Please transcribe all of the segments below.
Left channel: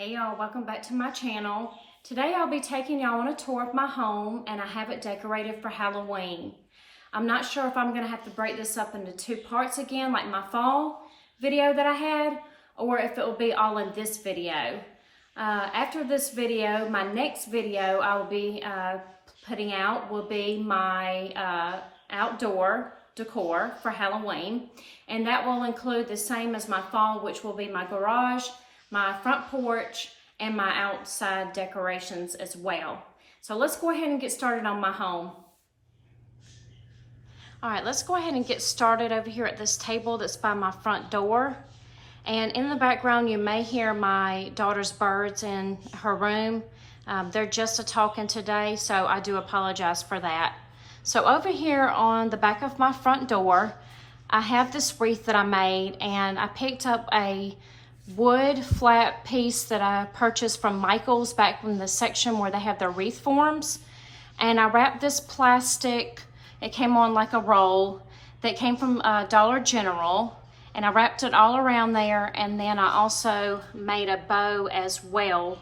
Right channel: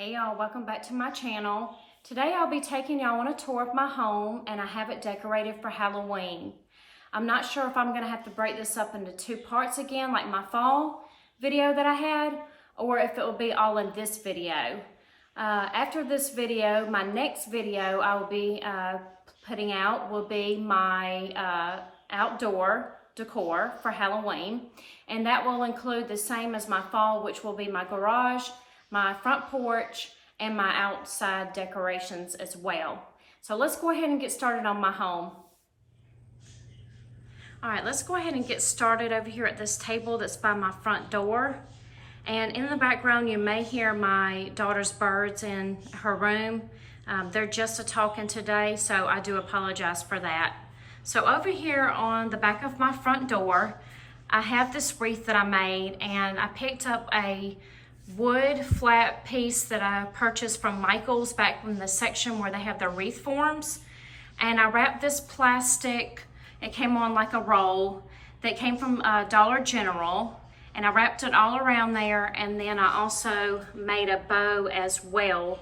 Hey y'all, welcome back to my channel. Today I'll be taking y'all on a tour of my home and I have it decorated for Halloween. I'm not sure if I'm gonna have to break this up into two parts again like my fall video that I had, or if it will be all in this video. After this video, my next video I will be putting out will be my outdoor decor for Halloween, and that will include the same as my fall, which will be my garage, my front porch, and my outside decorations as well. So let's go ahead and get started on my home. All right, let's go ahead and get started over here at this table that's by my front door. And in the background, you may hear my daughter's birds in her room. They're just talking today, so I do apologize for that. So over here on the back of my front door, I have this wreath that I made, and I picked up a wood flat piece that I purchased from Michael's back in the section where they have their wreath forms. And I wrapped this plastic, it came on like a roll that came from Dollar General, and I wrapped it all around there, and then I also made a bow as well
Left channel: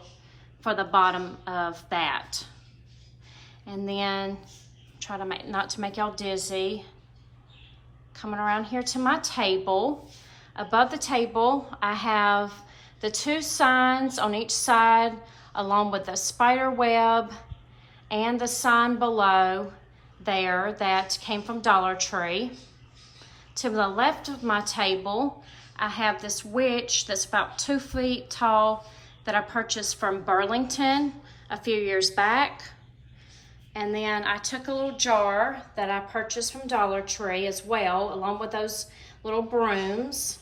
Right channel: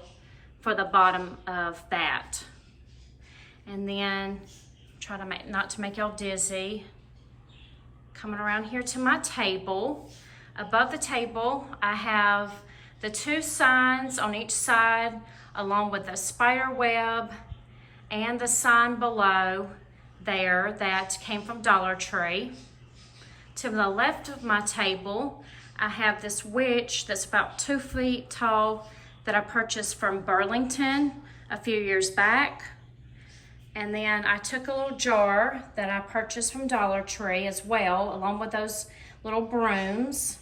for the bottom of that. And then try to not to make y'all dizzy. Coming around here to my table. Above the table, I have the two signs on each side, along with the spider web and the sign below there that came from Dollar Tree. To the left of my table, I have this witch that's about 2 feet tall that I purchased from Burlington a few years back. And then I took a little jar that I purchased from Dollar Tree as well, along with those little brooms.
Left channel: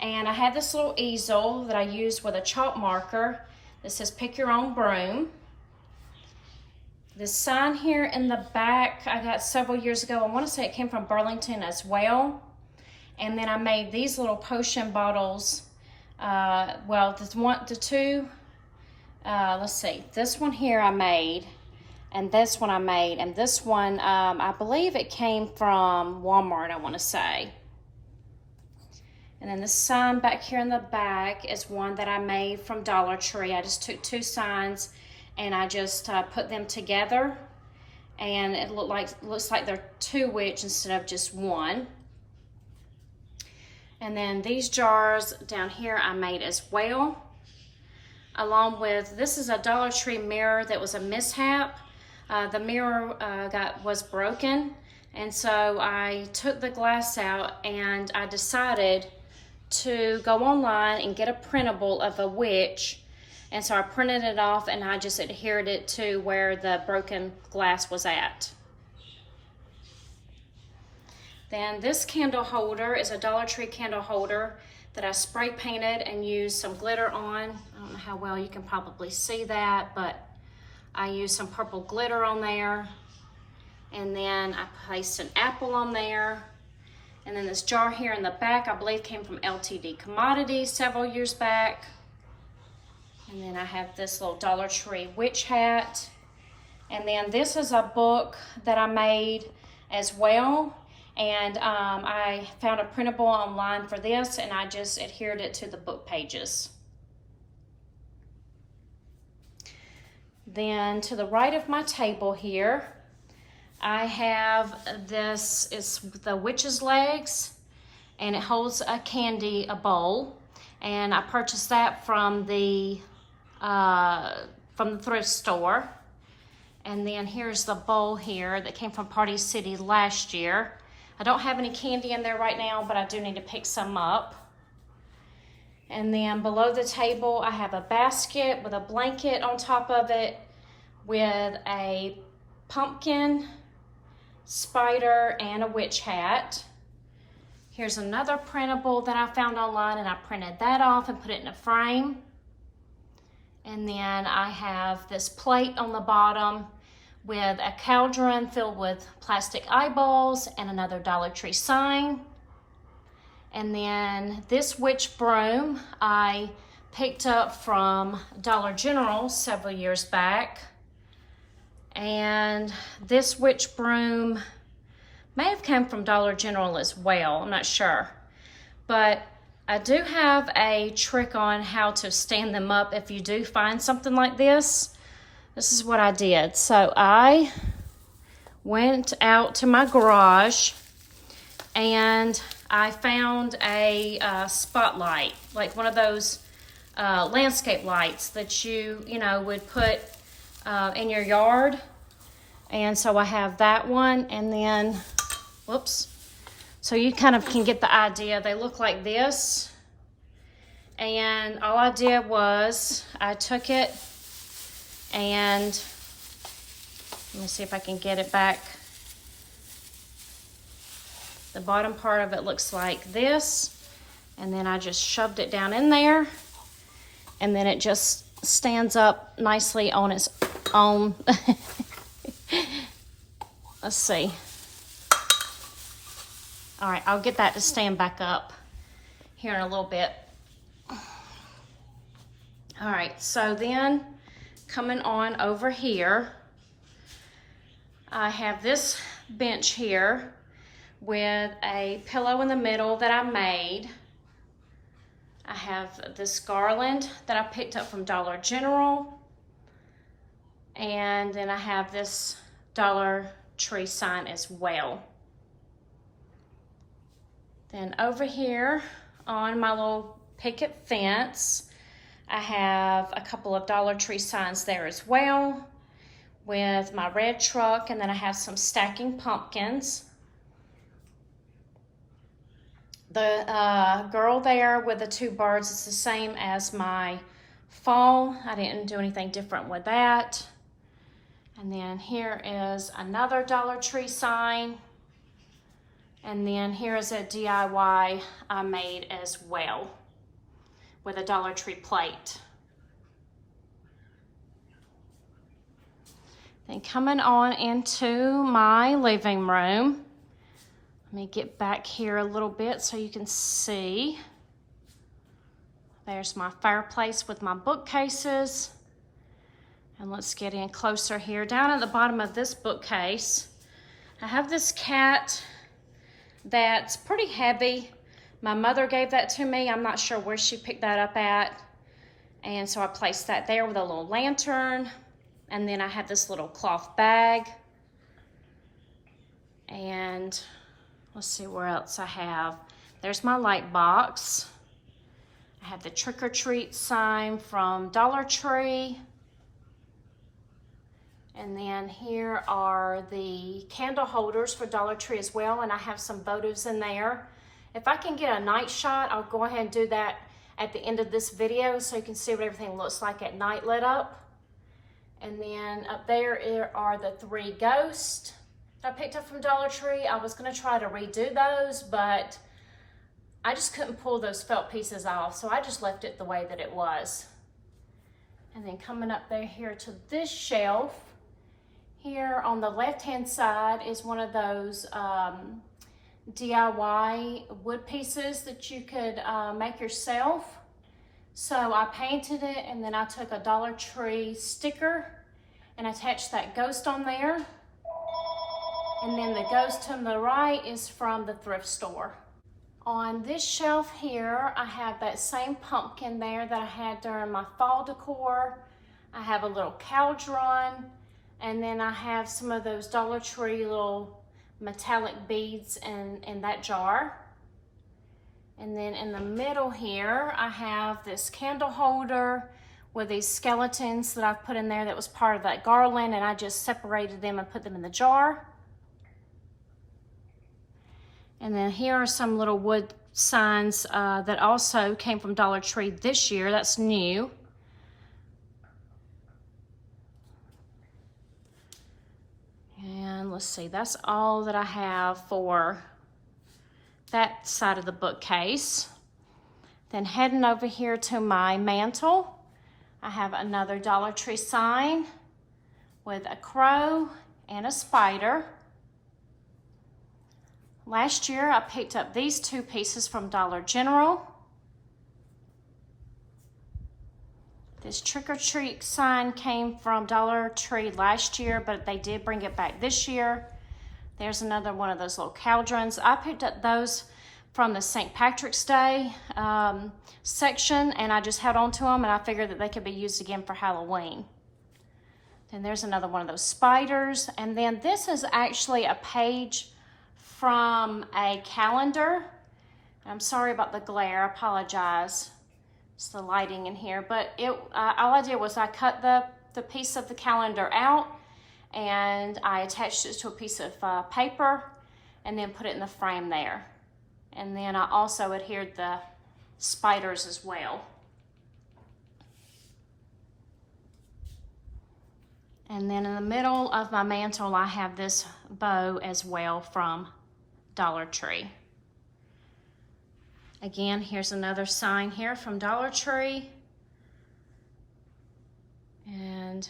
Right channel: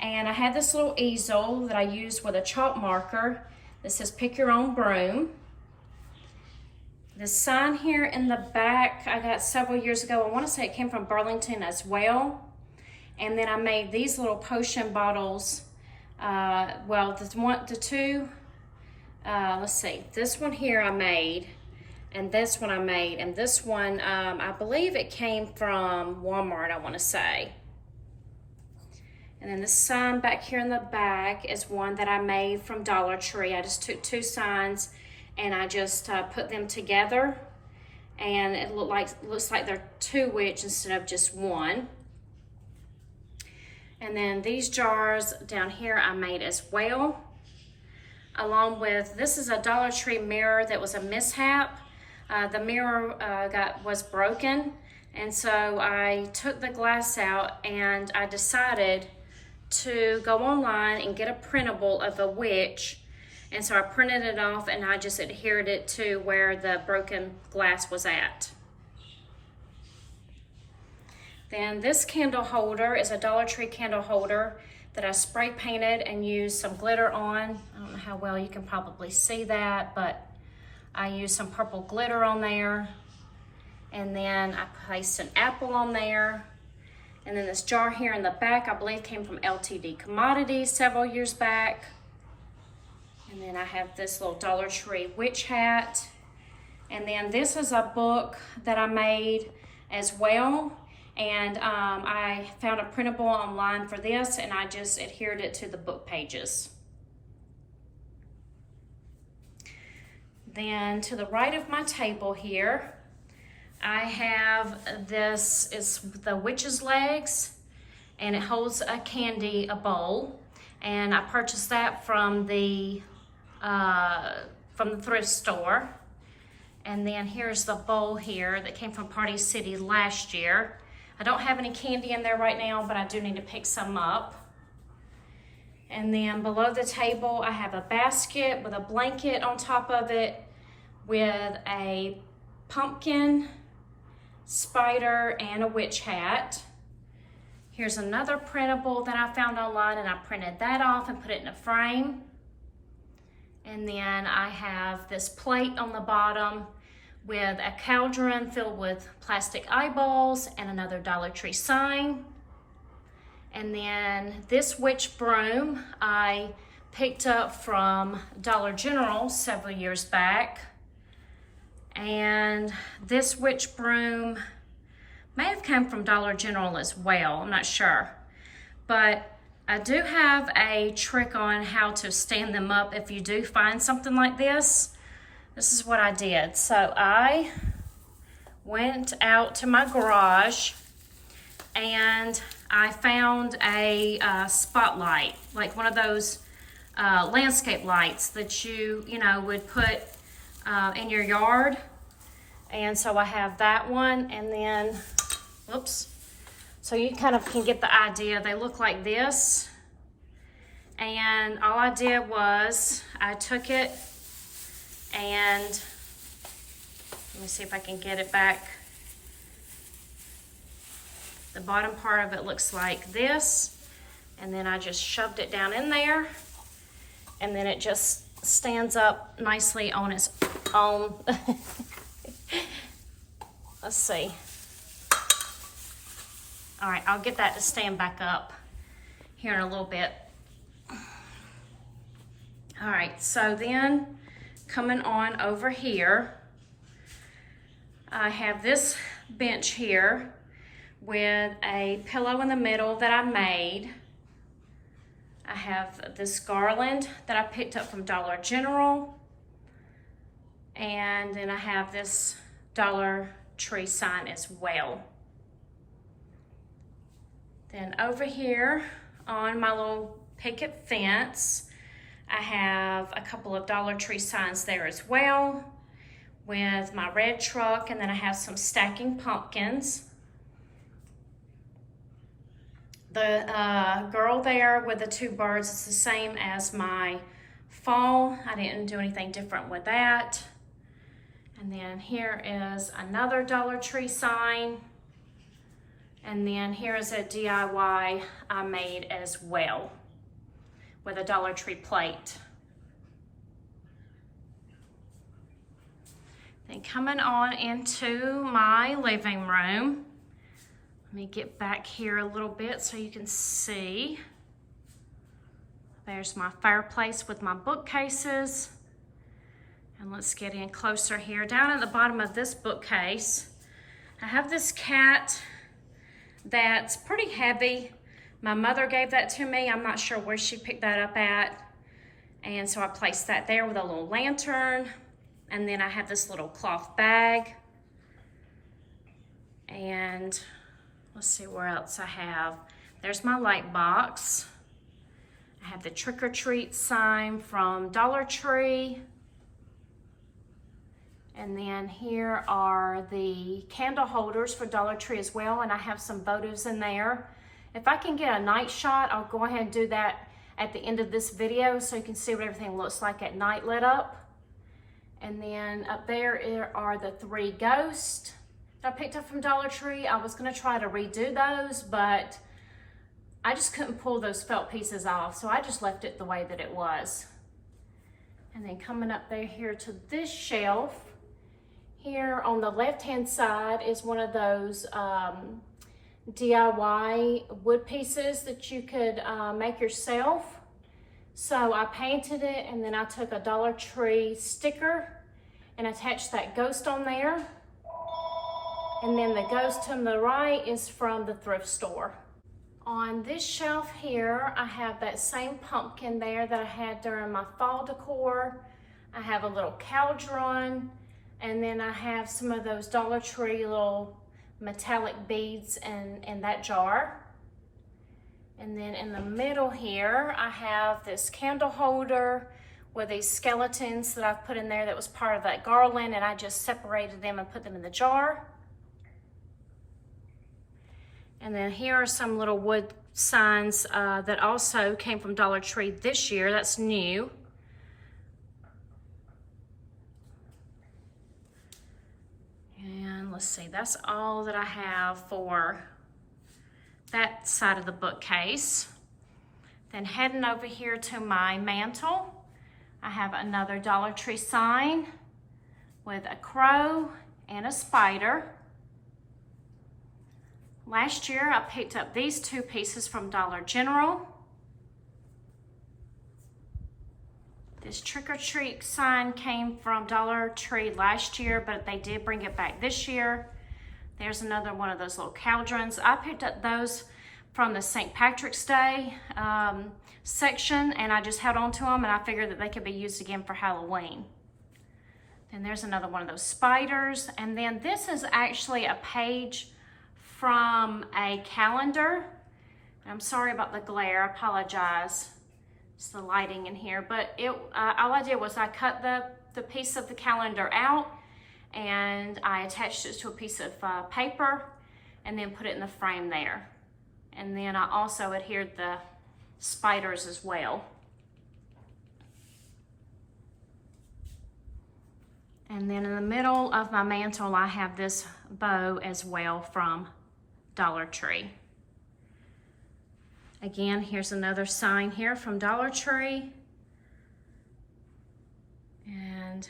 And I had this little easel that I used with a chalk marker that says pick your own broom. The sign here in the back I got several years ago. I want to say it came from Burlington as well. And then I made these little potion bottles. Let's see, this one here I made, and this one I made, and this one I believe it came from Walmart, I want to say. And then the sign back here in the back is one that I made from Dollar Tree. I just took two signs and I just put them together, and it looks like they're two witch instead of just one. And then these jars down here I made as well, along with, this is a Dollar Tree mirror that was a mishap. The mirror was broken, and so I took the glass out and I decided to go online and get a printable of a witch. And so I printed it off and I just adhered it to where the broken glass was at. Then this candle holder is a Dollar Tree candle holder that I spray painted and used some glitter on. I don't know how well you can probably see that, but I used some purple glitter on there. And then I placed an apple on there. And then this jar here in the back, I believe came from LTD Commodities several years back. And then I have this little Dollar Tree witch hat. And then this is a book that I made as well. And I found a printable online for this, and I just adhered it to the book pages. Then to the right of my table here, I have this is the witch's legs, and it holds a bowl, and I purchased that from the thrift store. And then here's the bowl here that came from Party City last year. I don't have any candy in there right now, but I do need to pick some up. And then below the table, I have a basket with a blanket on top of it with a pumpkin, spider, and a witch hat. Here's another printable that I found online, and I printed that off and put it in a frame. And then I have this plate on the bottom with a cauldron filled with plastic eyeballs and another Dollar Tree sign. And then this witch broom I picked up from Dollar General several years back. And this witch broom may have come from Dollar General as well, I'm not sure. But I do have a trick on how to stand them up if you do find something like this. This is what I did. So I went out to my garage and I found a spotlight, like one of those landscape lights that you would put in your yard. And so I have that one, and then, whoops. So you kind of can get the idea. They look like this. And all I did was I took it and let me see if I can get it back. The bottom part of it looks like this. And then I just shoved it down in there. And then it just stands up nicely on its own. Let's see. All right, I'll get that to stand back up here in a little bit. All right, so then coming on over here, I have this bench here with a pillow in the middle that I made. I have this garland that I picked up from Dollar General. And then I have this Dollar Tree sign as well. Then over here on my little picket fence, I have a couple of Dollar Tree signs there as well with my red truck, and then I have some stacking pumpkins. The girl there with the two birds is the same as my fall. I didn't do anything different with that. And then here is another Dollar Tree sign. And then here's a DIY I made as well with a Dollar Tree plate. Then coming on into my living room. Let me get back here a little bit so you can see. There's my fireplace with my bookcases. And let's get in closer here. Down at the bottom of this bookcase, I have this cat that's pretty heavy. My mother gave that to me. I'm not sure where she picked that up at. And so I placed that there with a little lantern. And then I have this little cloth bag. And let's see where else I have. There's my light box. I have the trick or treat sign from Dollar Tree. And then here are the candle holders for Dollar Tree as well, and I have some votives in there. If I can get a night shot, I'll go ahead and do that at the end of this video so you can see what everything looks like at night lit up. And then up there are the three ghosts that I picked up from Dollar Tree. I was gonna try to redo those, but I just couldn't pull those felt pieces off, so I just left it the way that it was. And then coming up there here to this shelf, here on the left-hand side is one of those DIY wood pieces that you could make yourself. So I painted it, and then I took a Dollar Tree sticker and attached that ghost on there. And then the ghost to the right is from the thrift store. On this shelf here, I have that same pumpkin there that I had during my fall decor. I have a little cauldron. And then I have some of those Dollar Tree little metallic beads in that jar. And then in the middle here, I have this candle holder with these skeletons that I've put in there that was part of that garland, and I just separated them and put them in the jar. And then here are some little wood signs that also came from Dollar Tree this year. That's new. And let's see, that's all that I have for that side of the bookcase. Then heading over here to my mantle, I have another Dollar Tree sign with a crow and a spider. Last year, I picked up these two pieces from Dollar General. This trick or treat sign came from Dollar Tree last year, but they did bring it back this year. There's another one of those little cauldrons. I picked up those from the St. Patrick's Day section, and I just held on to them, and I figured that they could be used again for Halloween. And there's another one of those spiders. And then this is actually a page from a calendar. I'm sorry about the glare, I apologize. It's the lighting in here, but all I did was I cut the piece of the calendar out, and I attached it to a piece of paper and then put it in the frame there. And then I also adhered the spiders as well. And then in the middle of my mantle, I have this bow as well from Dollar Tree. Again, here's another sign here from Dollar Tree. And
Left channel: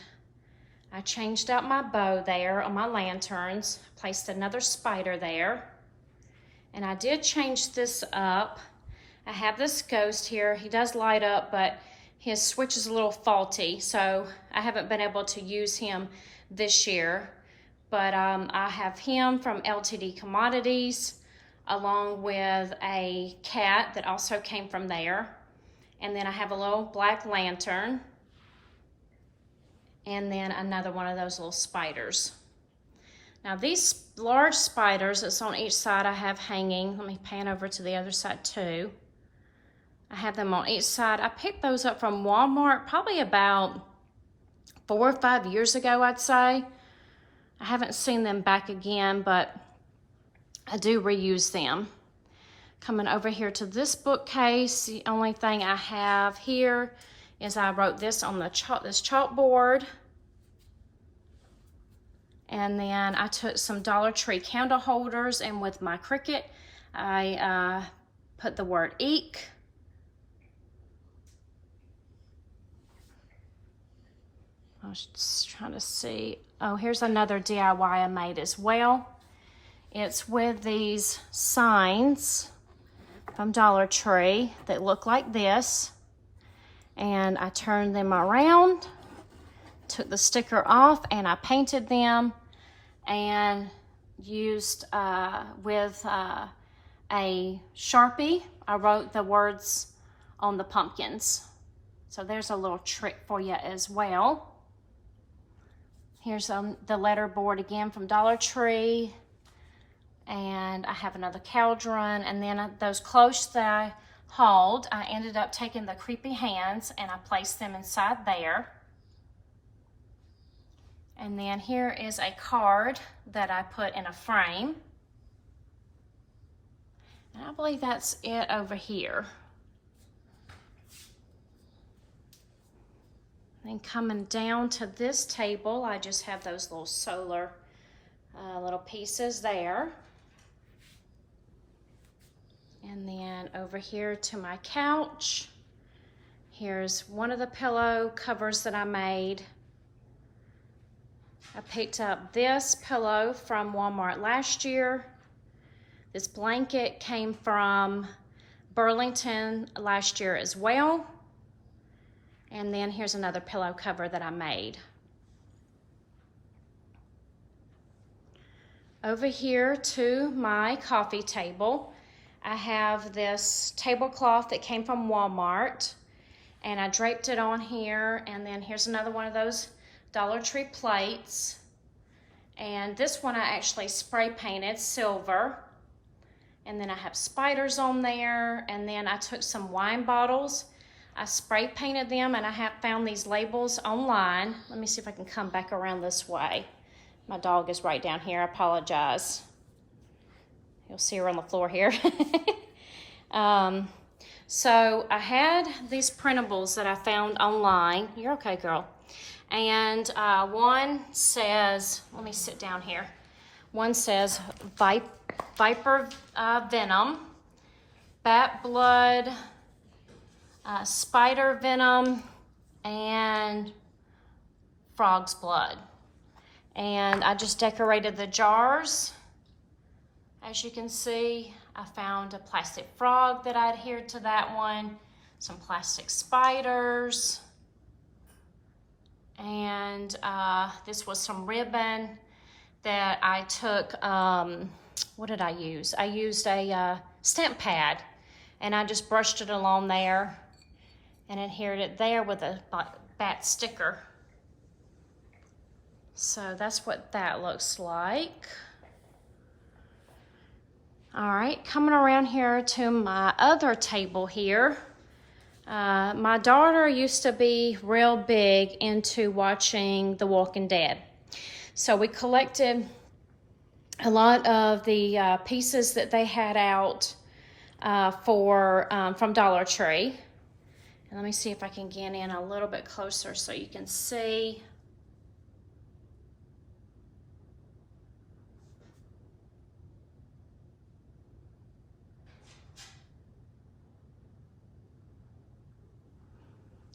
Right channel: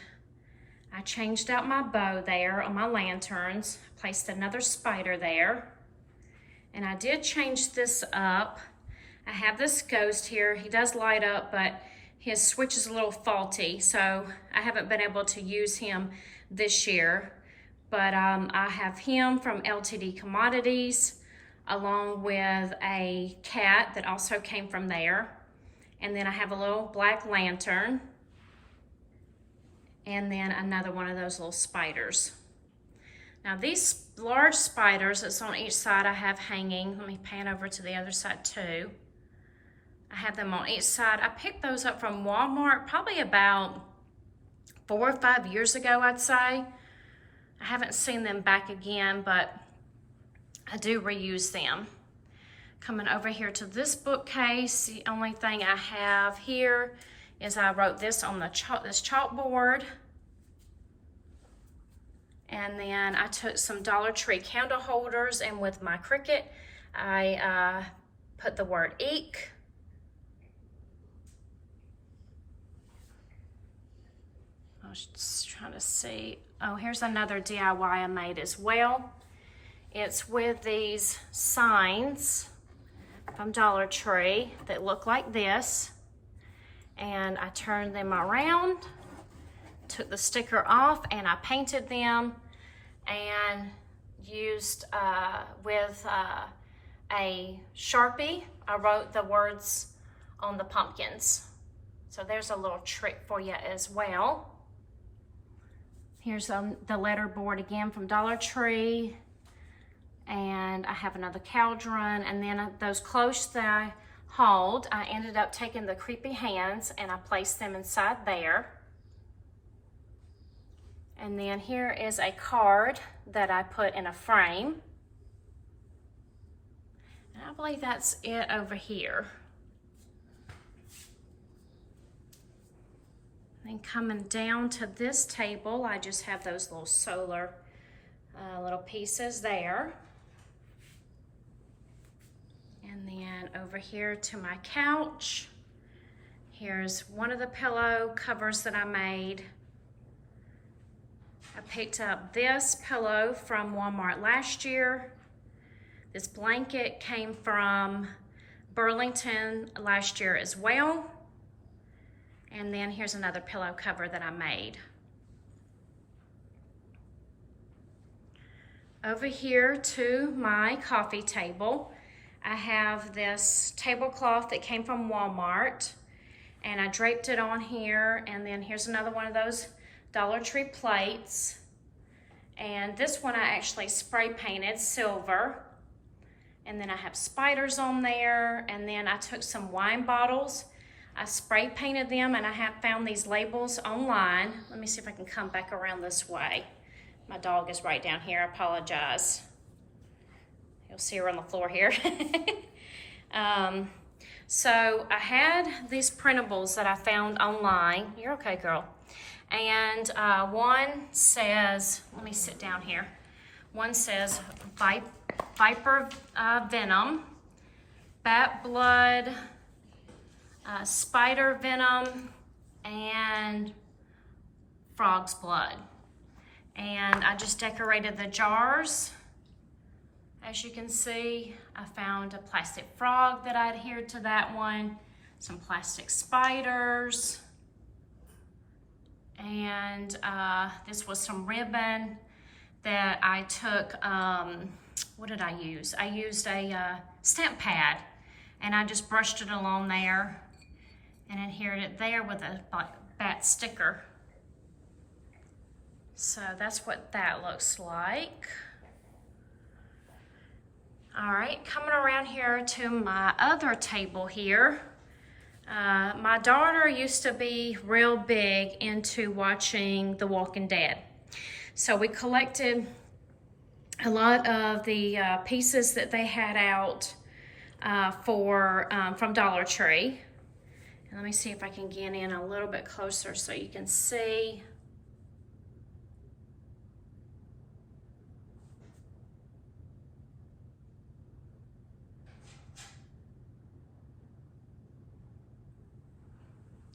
I changed out my bow there on my lanterns, placed another spider there. And I did change this up. I have this ghost here. He does light up, but his switch is a little faulty, so I haven't been able to use him this year. But I have him from LTD Commodities, along with a cat that also came from there. And then I have a little black lantern. And then another one of those little spiders. Now these large spiders that's on each side I have hanging. Let me pan over to the other side too. I have them on each side. I picked those up from Walmart probably about 4 or 5 years ago, I'd say. I haven't seen them back again, but I do reuse them. Coming over here to this bookcase, the only thing I have here is I wrote this on the this chalkboard. And then I took some Dollar Tree candle holders, and with my Cricut, I put the word eek. I was just trying to see. Oh, here's another DIY I made as well. It's with these signs from Dollar Tree that look like this. And I turned them around, took the sticker off, and I painted them and used with a Sharpie. I wrote the words on the pumpkins. So there's a little trick for you as well. Here's the letter board again from Dollar Tree. And I have another cauldron. And then those clothes that I hauled, I ended up taking the creepy hands and I placed them inside there. And then here is a card that I put in a frame. And I believe that's it over here. And coming down to this table, I just have those little solar little pieces there. And then over here to my couch, here's one of the pillow covers that I made. I picked up this pillow from Walmart last year. This blanket came from Burlington last year as well. And then here's another pillow cover that I made. Over here to my coffee table, I have this tablecloth that came from Walmart, and I draped it on here. And then here's another one of those Dollar Tree plates. And this one I actually spray painted silver. And then I have spiders on there. And then I took some wine bottles. I spray painted them, and I have found these labels online. Let me see if I can come back around this way. My dog is right down here, I apologize. You'll see her on the floor here. So I had these printables that I found online. You're okay, girl. And one says, let me sit down here. One says Viper Venom, Bat Blood, Spider Venom, and Frog's Blood. And I just decorated the jars. As you can see, I found a plastic frog that I adhered to that one, some plastic spiders, and this was some ribbon that I took, what did I use? I used a stamp pad, and I just brushed it along there and adhered it there with a bat sticker. So that's what that looks like. All right, coming around here to my other table here. My daughter used to be real big into watching The Walking Dead. So we collected a lot of the pieces that they had out from Dollar Tree. And let me see if I can get in a little bit closer so you can see.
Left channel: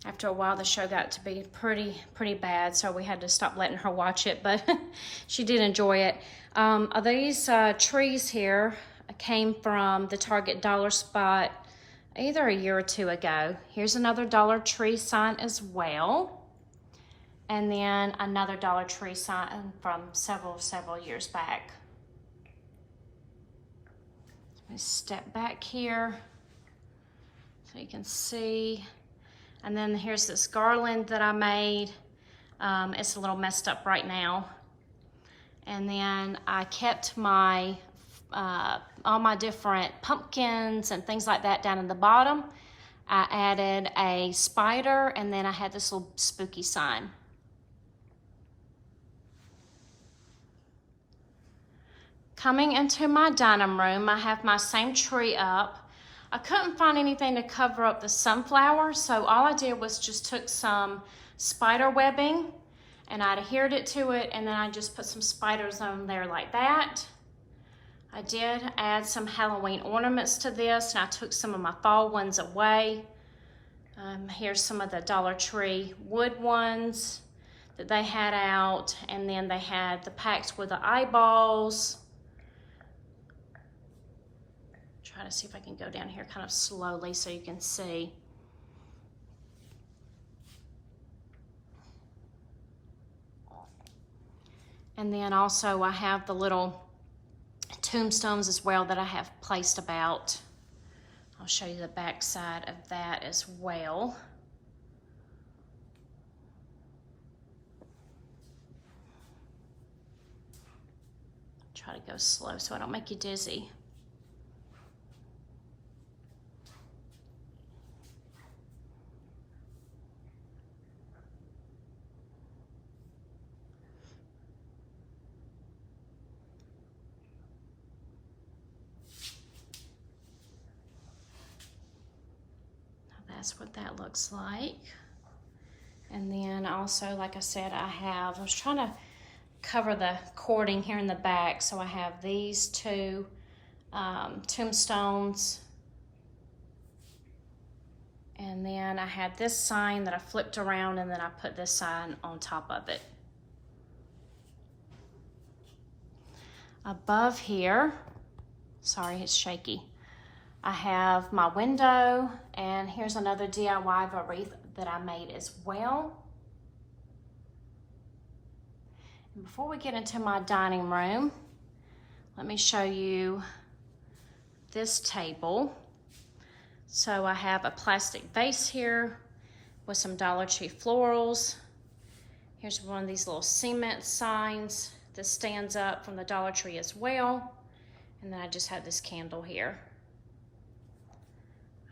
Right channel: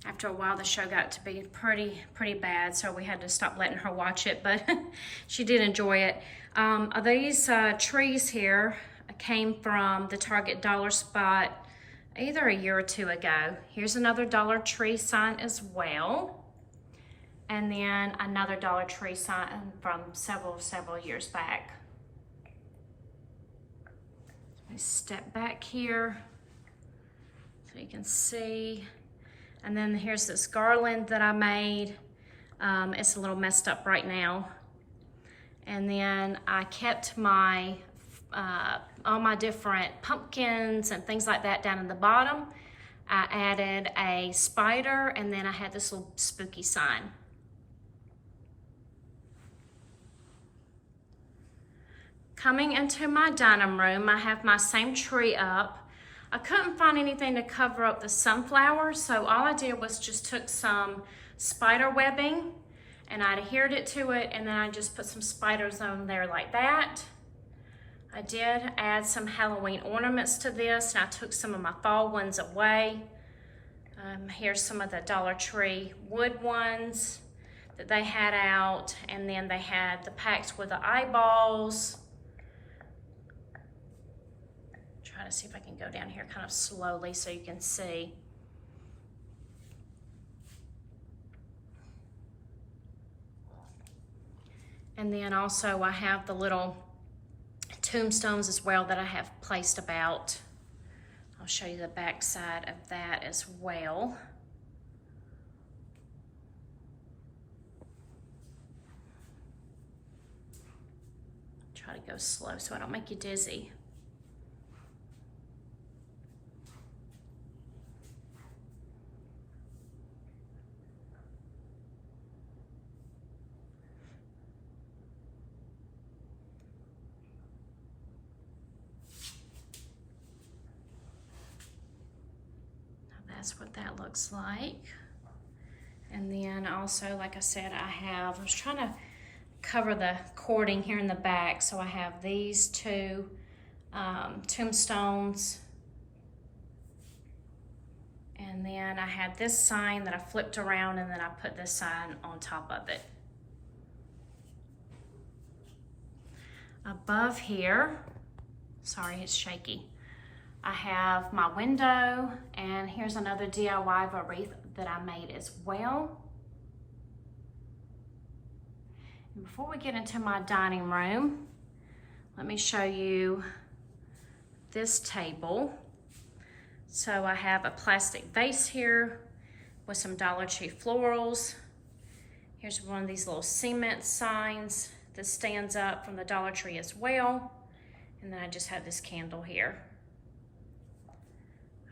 After a while, the show got to be pretty bad, so we had to stop letting her watch it, but she did enjoy it. These trees here came from the Target Dollar Spot either a year or two ago. Here's another Dollar Tree sign as well. And then another Dollar Tree sign from several years back. Let me step back here so you can see. And then here's this garland that I made. It's a little messed up right now. And then I kept my all my different pumpkins and things like that down in the bottom. I added a spider, and then I had this little spooky sign. Coming into my dining room, I have my same tree up. I couldn't find anything to cover up the sunflowers, so all I did was just took some spider webbing and I adhered it to it, and then I just put some spiders on there like that. I did add some Halloween ornaments to this, and I took some of my fall ones away. Here's some of the Dollar Tree wood ones that they had out, and then they had the packs with the eyeballs. Try to see if I can go down here kind of slowly so you can see. And then also I have the little tombstones as well that I have placed about. I'll show you the back side of that as well. Try to go slow so I don't make you dizzy. That's what that looks like. And then also, like I said, I was trying to cover the cording here in the back, so I have these two tombstones. And then I had this sign that I flipped around, and then I put this sign on top of it. Above here, sorry, it's shaky. I have my window, and here's another DIY wreath that I made as well. And before we get into my dining room, let me show you this table. So I have a plastic vase here with some Dollar Tree florals. Here's one of these little cement signs that stands up from the Dollar Tree as well. And then I just have this candle here.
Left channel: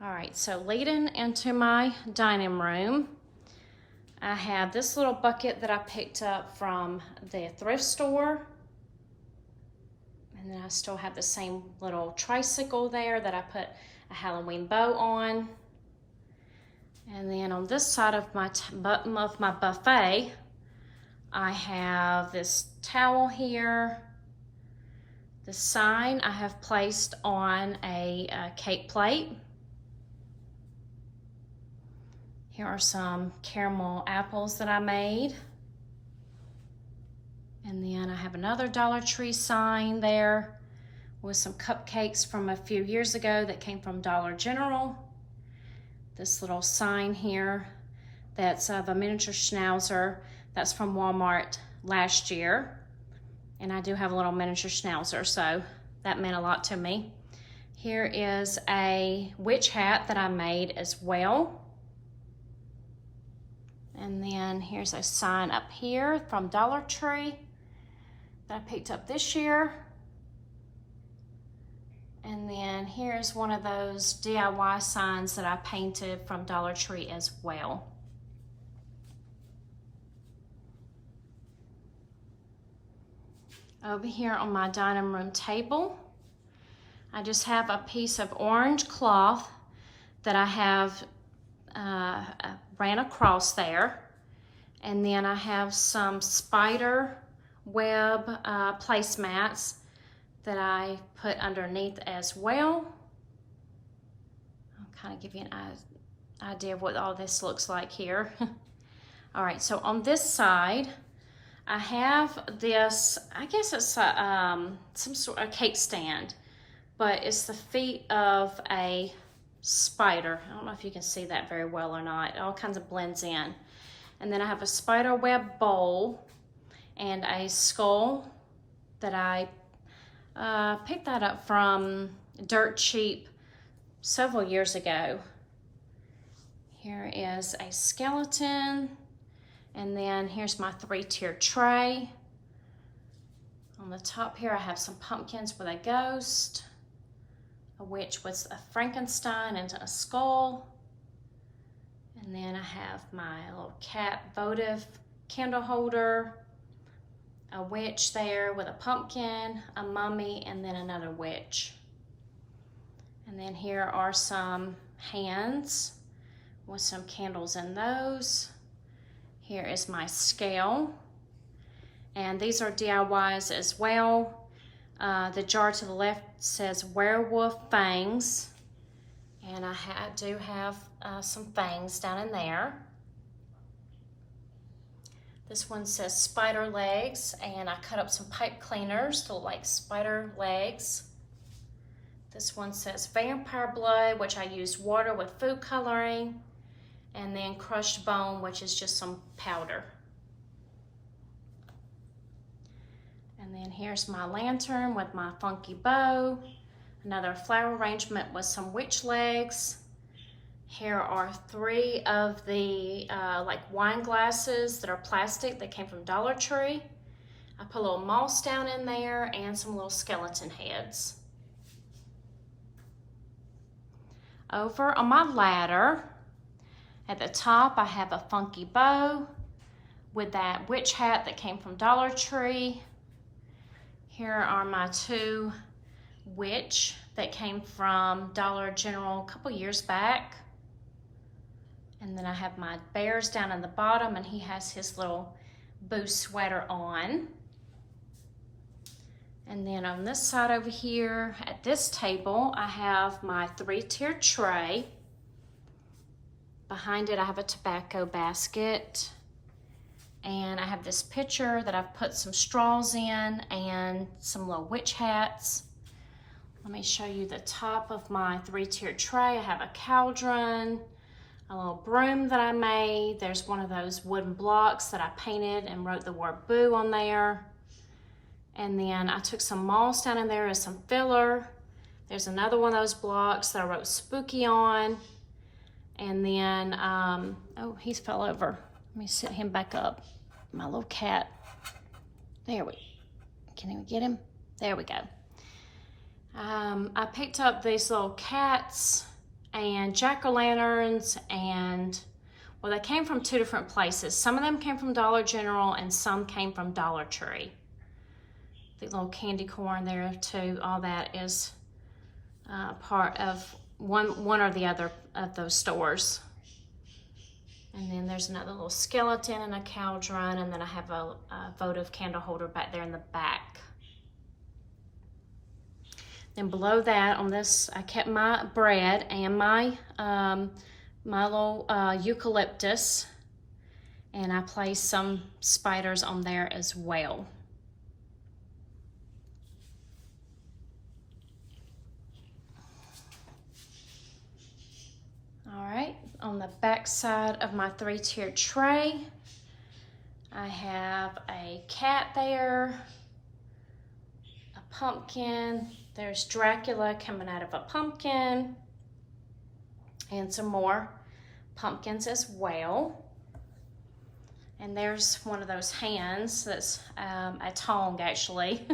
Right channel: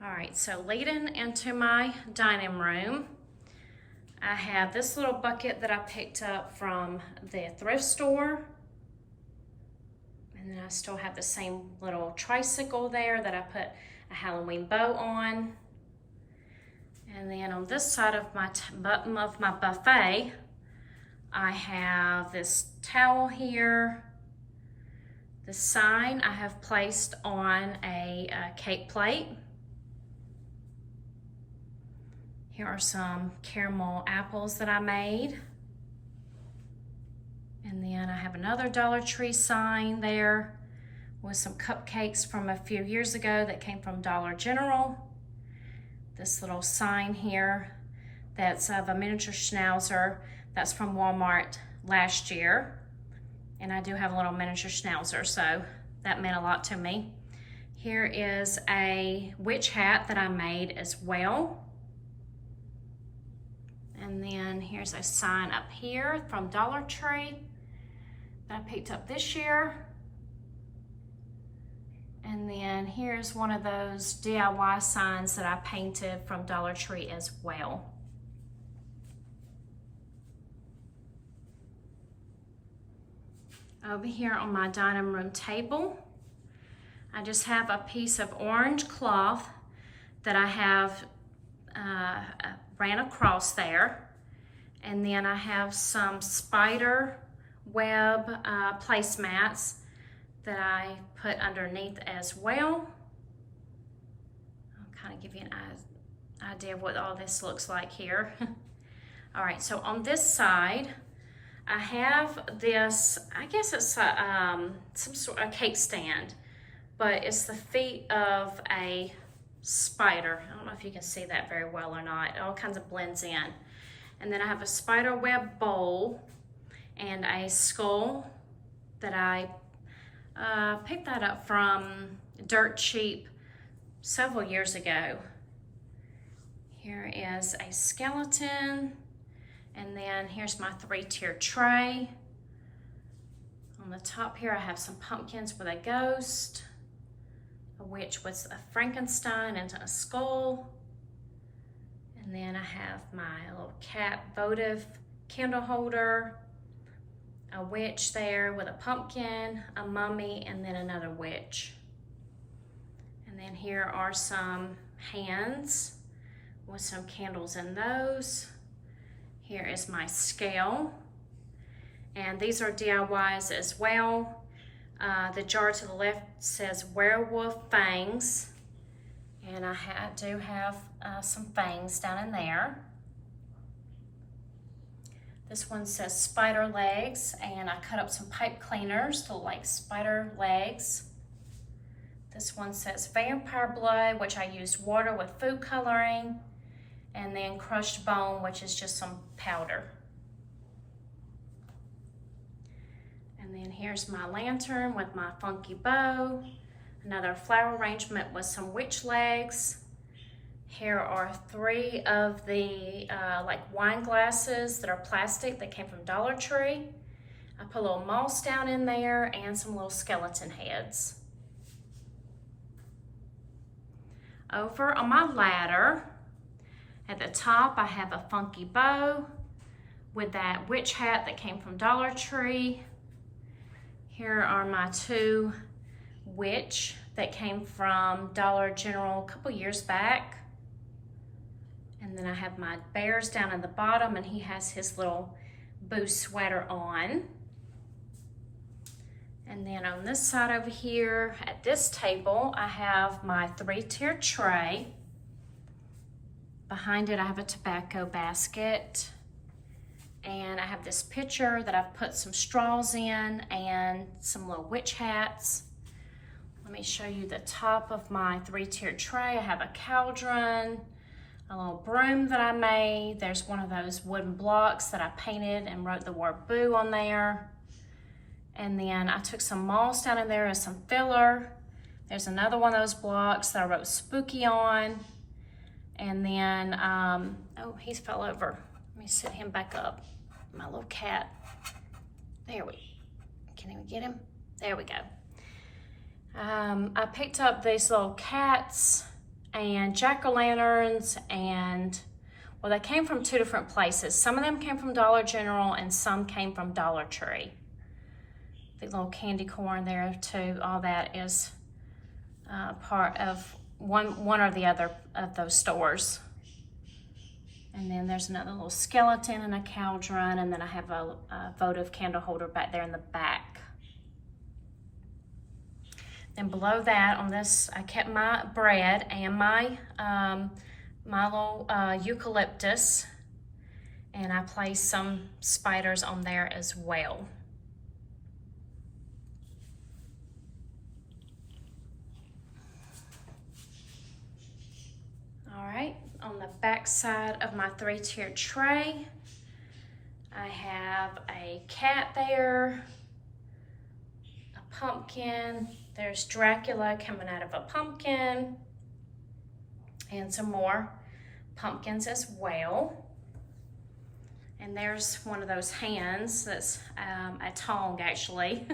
All right, so leading into my dining room, I have this little bucket that I picked up from the thrift store. And then I still have the same little tricycle there that I put a Halloween bow on. And then on this side of my buffet, I have this towel here. The sign I have placed on a cake plate. Here are some caramel apples that I made. And then I have another Dollar Tree sign there with some cupcakes from a few years ago that came from Dollar General. This little sign here that's of a miniature schnauzer that's from Walmart last year. And I do have a little miniature schnauzer, so that meant a lot to me. Here is a witch hat that I made as well. And then here's a sign up here from Dollar Tree that I picked up this year. And then here's one of those DIY signs that I painted from Dollar Tree as well. Over here on my dining room table, I just have a piece of orange cloth that I have ran across there. And then I have some spider web placemats that I put underneath as well. I'll kind of give you an idea of what all this looks like here. All right, so on this side, I have this, I guess it's some sort of cake stand, but it's the feet of a spider. I don't know if you can see that very well or not. It all kinds of blends in. And then I have a spider web bowl and a skull that I picked that up from Dirt Cheap several years ago. Here is a skeleton, and then here's my 3-tier tray. On the top here I have some pumpkins with a ghost, a witch with a Frankenstein and a skull, and then I have my little cat votive candle holder, a witch there with a pumpkin, a mummy, and then another witch. And then here are some hands with some candles in those. Here is my scale. And these are DIYs as well. The jar to the left says werewolf fangs. And I do have some fangs down in there. This one says spider legs, and I cut up some pipe cleaners to look like spider legs. This one says vampire blood, which I used water with food coloring, and then crushed bone, which is just some powder. And then here's my lantern with my funky bow, another flower arrangement with some witch legs. Here are 3 of the like wine glasses that are plastic that came from Dollar Tree. I put a little moss down in there and some little skeleton heads. Over on my ladder, at the top I have a funky bow with that witch hat that came from Dollar Tree. Here are my 2 witch that came from Dollar General a couple years back. And then I have my bears down in the bottom, and he has his little boo sweater on. And then on this side over here, at this table, I have my 3-tier tray. Behind it, I have a tobacco basket. And I have this pitcher that I've put some straws in and some little witch hats. Let me show you the top of my 3-tier tray. I have a cauldron, a little broom that I made. There's one of those wooden blocks that I painted and wrote the word boo on there. And then I took some moss down in there as some filler. There's another one of those blocks that I wrote spooky on. And then, oh, he's fell over. Let me set him back up. My little cat. There we, can we get him? There we go. I picked up these little cats and jack-o'-lanterns, and well, they came from 2 different places. Some of them came from Dollar General and some came from Dollar Tree. The little candy corn there too, all that is part of one or the other of those stores. And then there's another little skeleton and a cauldron, and then I have a votive candle holder back there in the back. Then below that, on this, I kept my bread and my little eucalyptus, and I placed some spiders on there as well. All right, on the back side of my 3-tier tray, I have a cat there, a pumpkin. There's Dracula coming out of a pumpkin. And some more pumpkins as well. And there's one of those hands that's a tongue actually.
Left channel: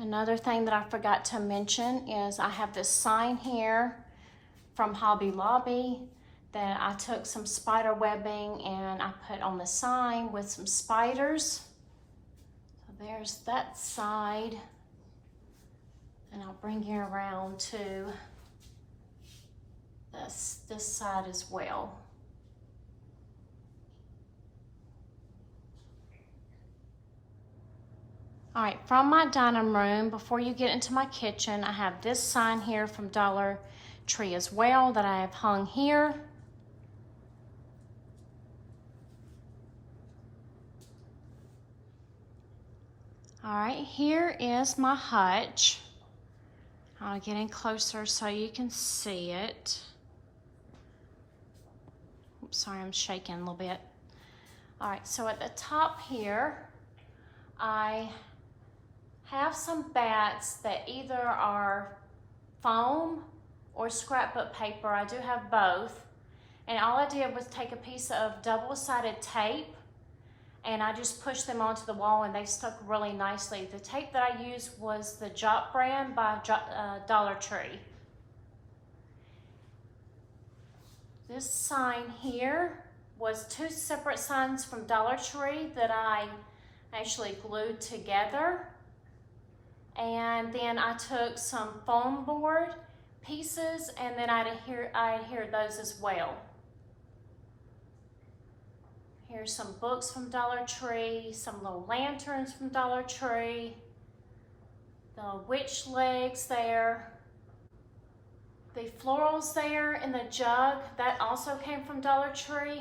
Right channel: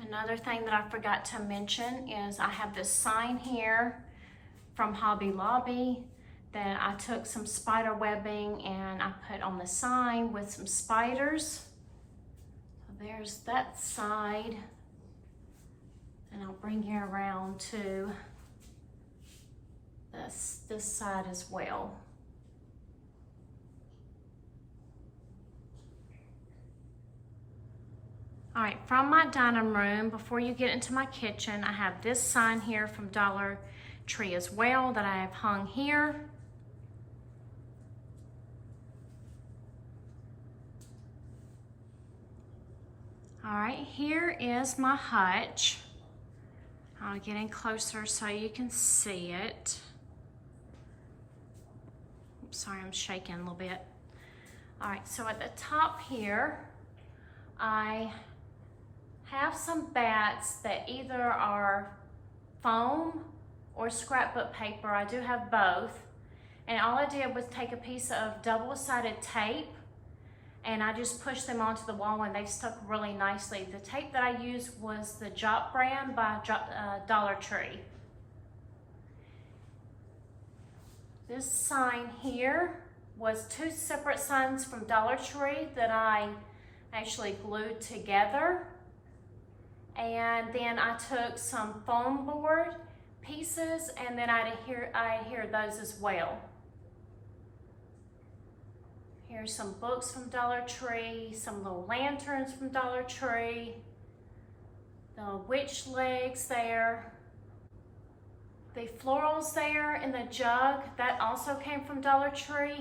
Another thing that I forgot to mention is I have this sign here from Hobby Lobby that I took some spider webbing and I put on the sign with some spiders. So there's that side. And I'll bring you around to this side as well. All right, from my dining room, before you get into my kitchen, I have this sign here from Dollar Tree as well that I have hung here. All right, here is my hutch. I'll get in closer so you can see it. Oops, sorry, I'm shaking a little bit. All right, so at the top here, I have some bats that either are foam or scrapbook paper. I do have both. And all I did was take a piece of double-sided tape and I just pushed them onto the wall and they stuck really nicely. The tape that I used was the Jop brand by Dollar Tree. This sign here was two separate signs from Dollar Tree that I actually glued together. And then I took some foam board pieces and then I adhered those as well. Here's some books from Dollar Tree, some little lanterns from Dollar Tree, the witch legs there, the florals there in the jug, that also came from Dollar Tree.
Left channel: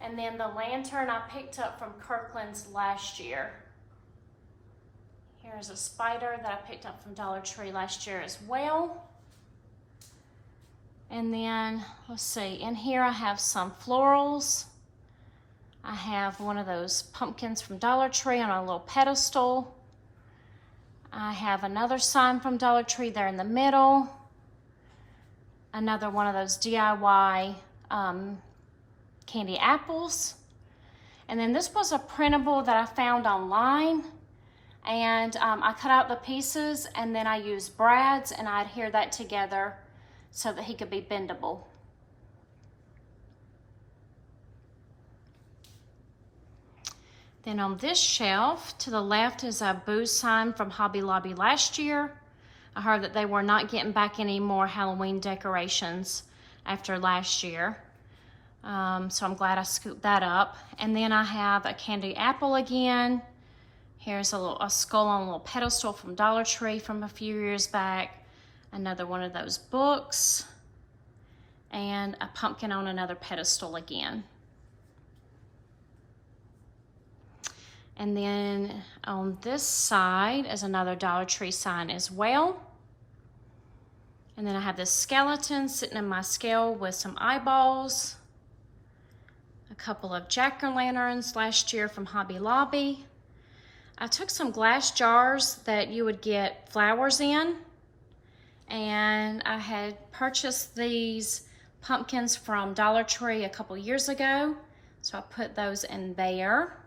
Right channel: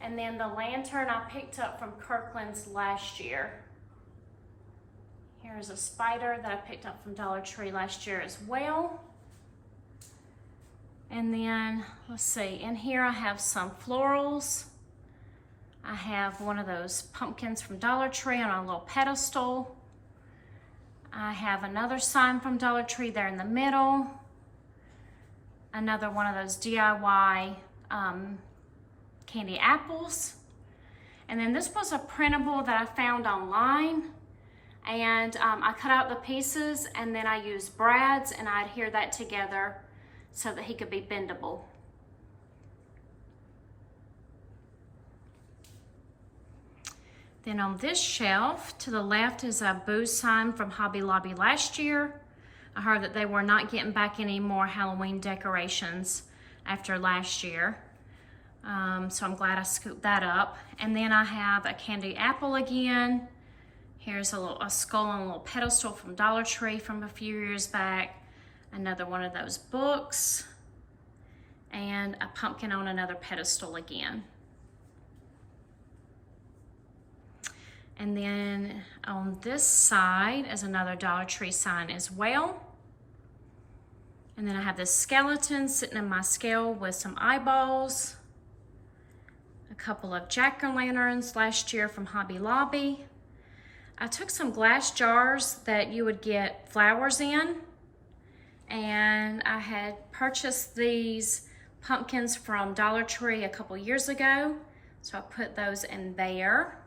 And then the lantern I picked up from Kirkland's last year. Here's a spider that I picked up from Dollar Tree last year as well. And then, let's see, in here I have some florals. I have one of those pumpkins from Dollar Tree on a little pedestal. I have another sign from Dollar Tree there in the middle. Another one of those DIY candy apples. And then this was a printable that I found online. And I cut out the pieces and then I used brads and I adhered that together so that he could be bendable. Then on this shelf to the left is a boo sign from Hobby Lobby last year. I heard that they were not getting back any more Halloween decorations after last year. So I'm glad I scooped that up. And then I have a candy apple again. Here's a skull on a little pedestal from Dollar Tree from a few years back. Another one of those books. And a pumpkin on another pedestal again. And then on this side is another Dollar Tree sign as well. And then I have this skeleton sitting in my scale with some eyeballs. A couple of jack-o'-lanterns last year from Hobby Lobby. I took some glass jars that you would get flowers in, and I had purchased these pumpkins from Dollar Tree a couple years ago, so I put those in there.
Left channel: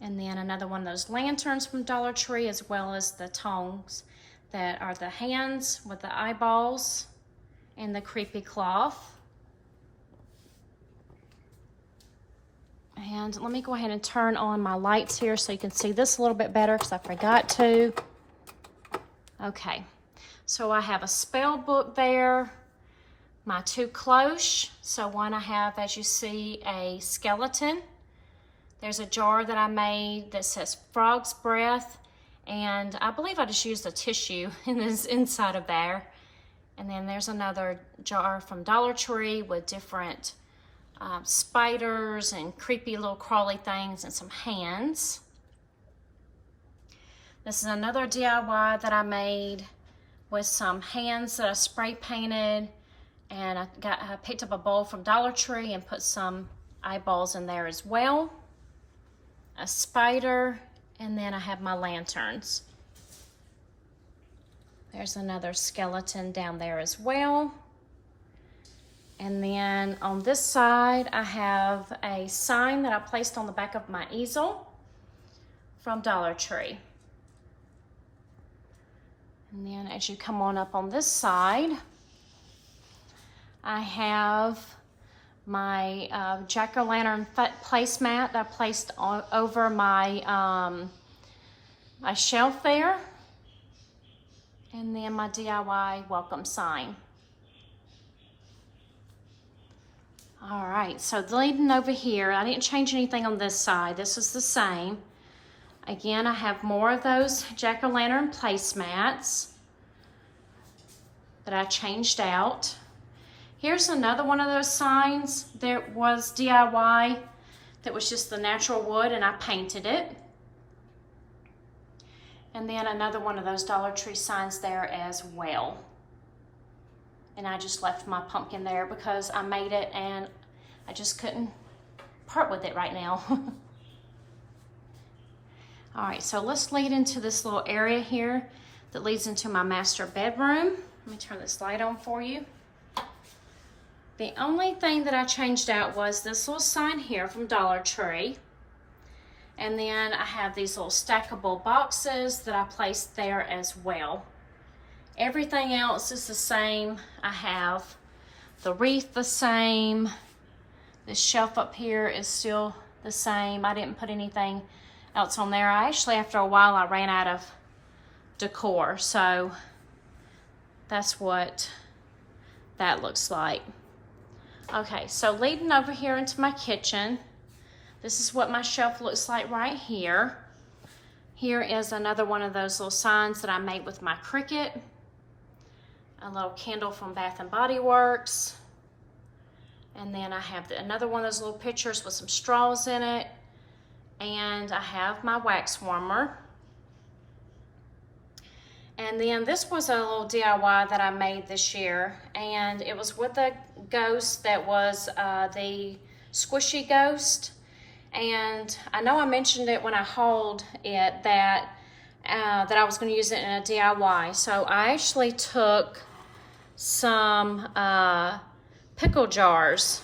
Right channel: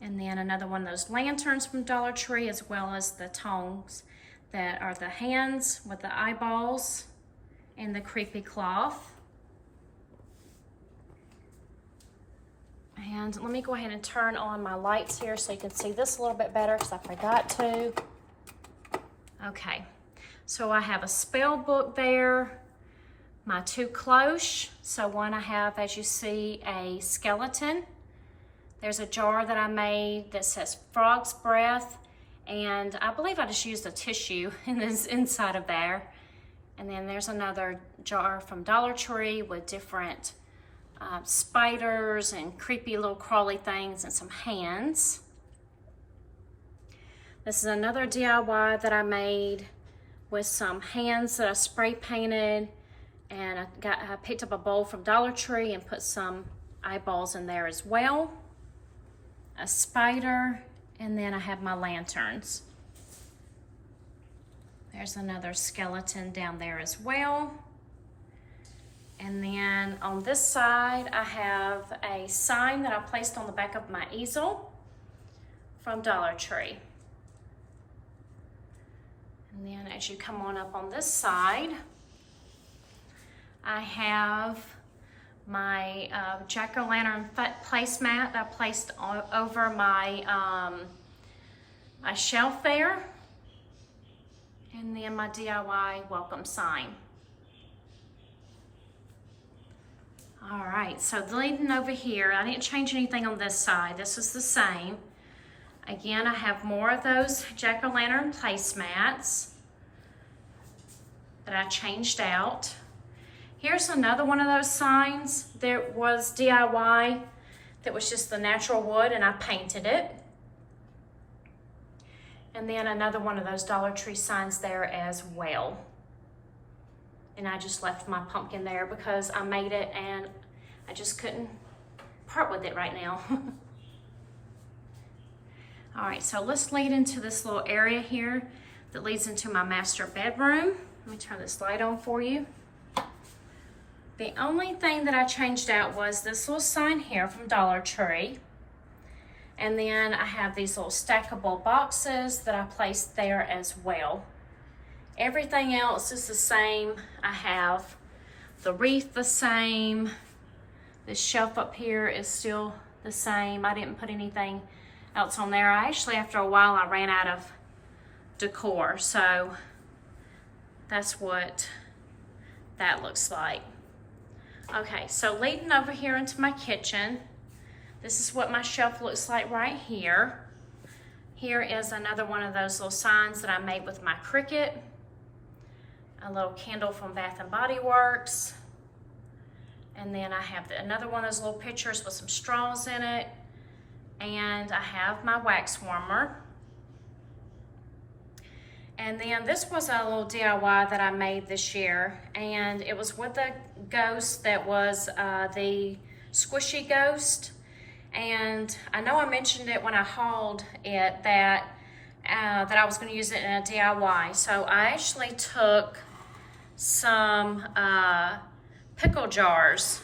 And then another one of those lanterns from Dollar Tree, as well as the tongs that are the hands with the eyeballs and the creepy cloth. And let me go ahead and turn on my lights here so you can see this a little bit better because I forgot to. Okay, so I have a spell book there, my two cloches. So one I have, as you see, a skeleton. There's a jar that I made that says frog's breath, and I believe I just used a tissue inside of there. And then there's another jar from Dollar Tree with different spiders and creepy little crawly things and some hands. This is another DIY that I made with some hands that I spray painted And I picked up a bowl from Dollar Tree and put some eyeballs in there as well. A spider, and then I have my lanterns. There's another skeleton down there as well. And then on this side, I have a sign that I placed on the back of my easel from Dollar Tree. And then as you come on up on this side, I have my jack-o'-lantern placemat that I placed over my, my shelf there. And then my DIY welcome sign. All right, so leading over here, I didn't change anything on this side. This is the same. Again, I have more of those jack-o'-lantern placemats that I changed out. Here's another one of those signs that was DIY, that was just the natural wood, and I painted it. And then another one of those Dollar Tree signs there as well. And I just left my pumpkin there because I made it and I just couldn't part with it right now. All right, so let's lead into this little area here that leads into my master bedroom. Let me turn this light on for you. The only thing that I changed out was this little sign here from Dollar Tree. And then I have these little stackable boxes that I placed there as well. Everything else is the same. I have the wreath the same. This shelf up here is still the same. I didn't put anything else on there. Actually, after a while, I ran out of decor. So that's what that looks like. Okay, so leading over here into my kitchen, this is what my shelf looks like right here. Here is another one of those little signs that I made with my Cricut. A little candle from Bath and Body Works. And then I have another one of those little pictures with some straws in it. And I have my wax warmer. And then this was a little DIY that I made this year. And it was with a ghost that was the squishy ghost. And I know I mentioned it when I hauled it that I was going to use it in a DIY. So I actually took some pickle jars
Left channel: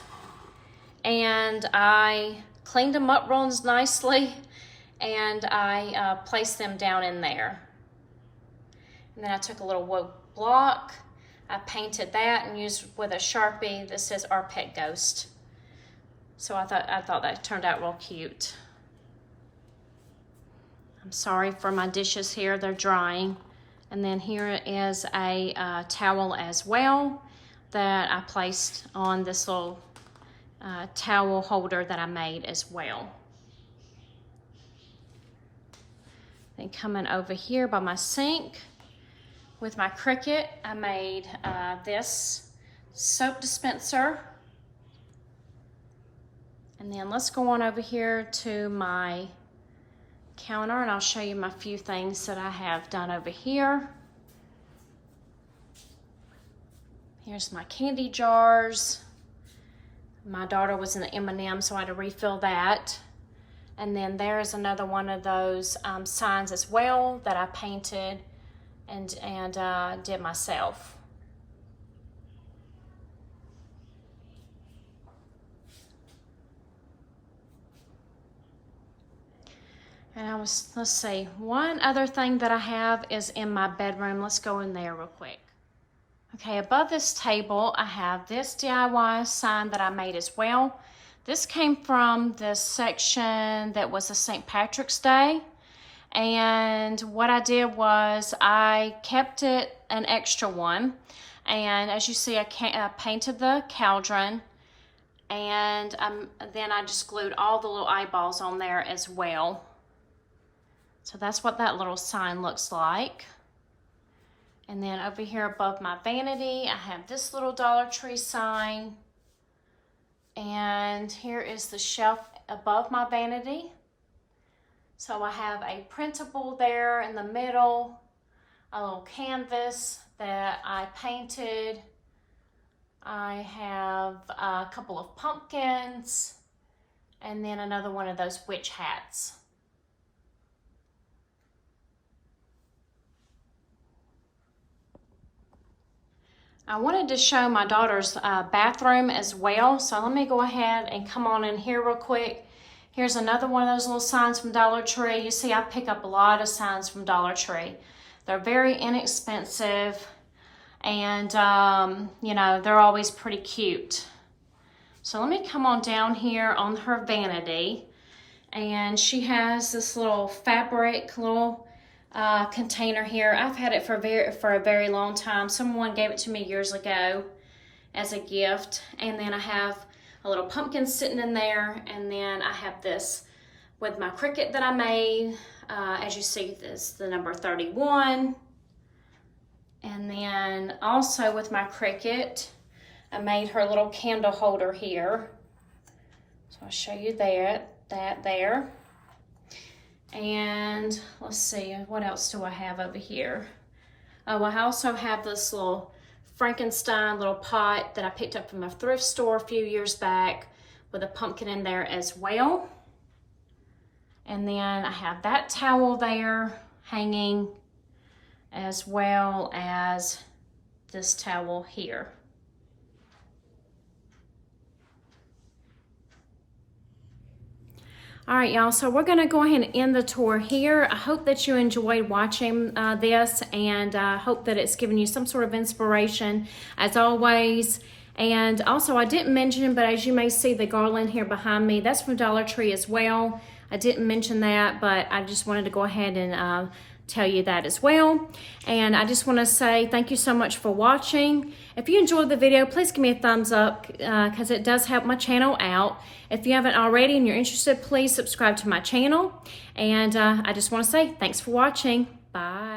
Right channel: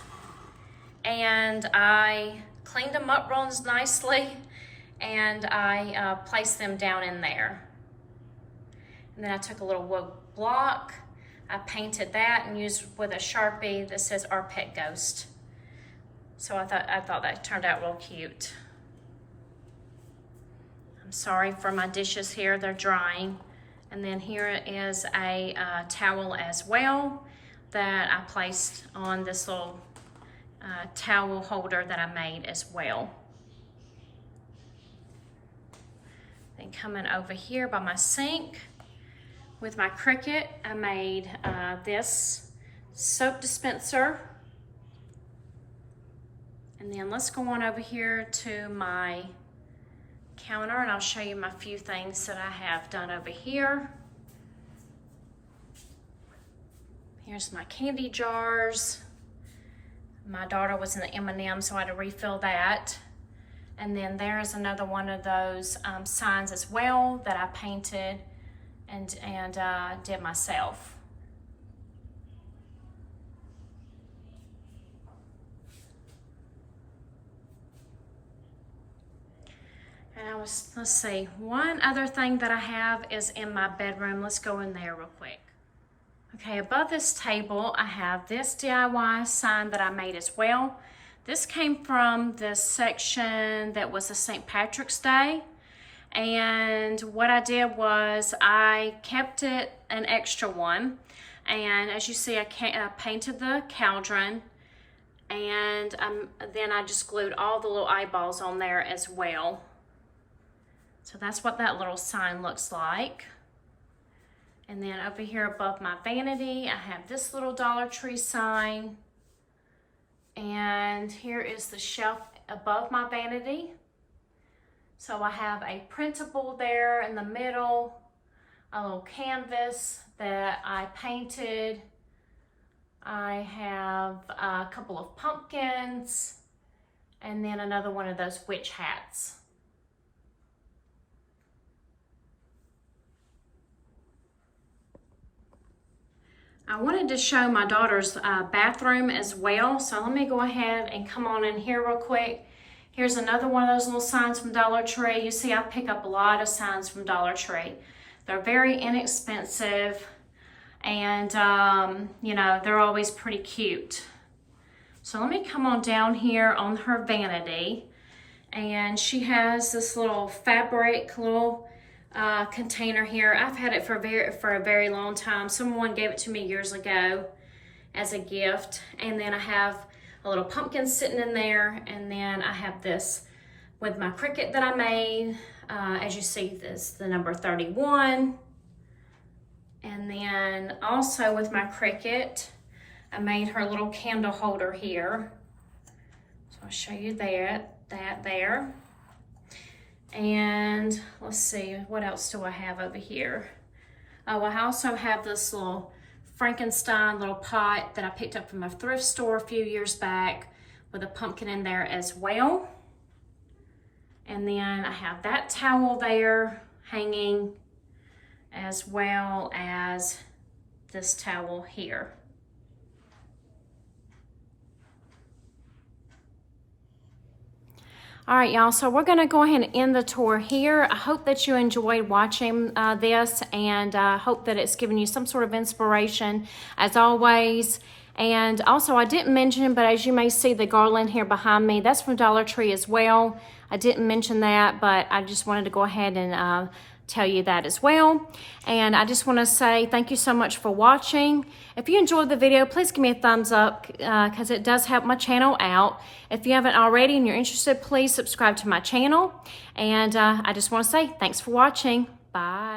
and I cleaned them up real nicely and I placed them down in there. And then I took a little wood block, I painted that and used with a Sharpie that says Our Pet Ghost. So I thought that turned out real cute. I'm sorry for my dishes here, they're drying. And then here is a towel as well that I placed on this little towel holder that I made as well. Then coming over here by my sink with my Cricut, I made this soap dispenser. And then let's go on over here to my counter and I'll show you my few things that I have done over here. Here's my candy jars. My daughter was in the M&M, so I had to refill that. And then there's another one of those signs as well that I painted and did myself. And let's see, one other thing that I have is in my bedroom. Let's go in there real quick. Okay, above this table, I have this DIY sign that I made as well. This came from this section that was a St. Patrick's Day. And what I did was I kept it an extra one. And as you see, I painted the cauldron. And then I just glued all the little eyeballs on there as well. So that's what that little sign looks like. And then over here above my vanity, I have this little Dollar Tree sign. And here is the shelf above my vanity. So I have a printable there in the middle, a little canvas that I painted I have a couple of pumpkins, and then another one of those witch hats. I wanted to show my daughter's bathroom as well, so let me go ahead and come on in here real quick. Here's another one of those little signs from Dollar Tree. You see, I pick up a lot of signs from Dollar Tree. They're very inexpensive, and you know, they're always pretty cute. So let me come on down here on her vanity, and she has this little fabric little container here. I've had it for a very long time. Someone gave it to me years ago as a gift. And then I have a little pumpkin sitting in there, and then I have this with my Cricut that I made. As you see, this the number 31. And then also with my Cricut, I made her little candle holder here. So I'll show you that there. And let's see, what else do I have over here? Oh, I also have this little Frankenstein little pot that I picked up from a thrift store a few years back with a pumpkin in there as well. And then I have that towel there hanging, as well as this towel here. All right, y'all, so we're gonna go ahead and end the tour here. I hope that you enjoy watching this, and I hope that it's given you some sort of inspiration as always. And also, I didn't mention, but as you may see the garland here behind me, that's from Dollar Tree as well. I didn't mention that, but I just wanted to go ahead and tell you that as well. And I just wanna say thank you so much for watching. If you enjoyed the video, please give me a thumbs up because it does help my channel out. If you haven't already and you're interested, please subscribe to my channel. And I just want to say thanks for watching. Bye.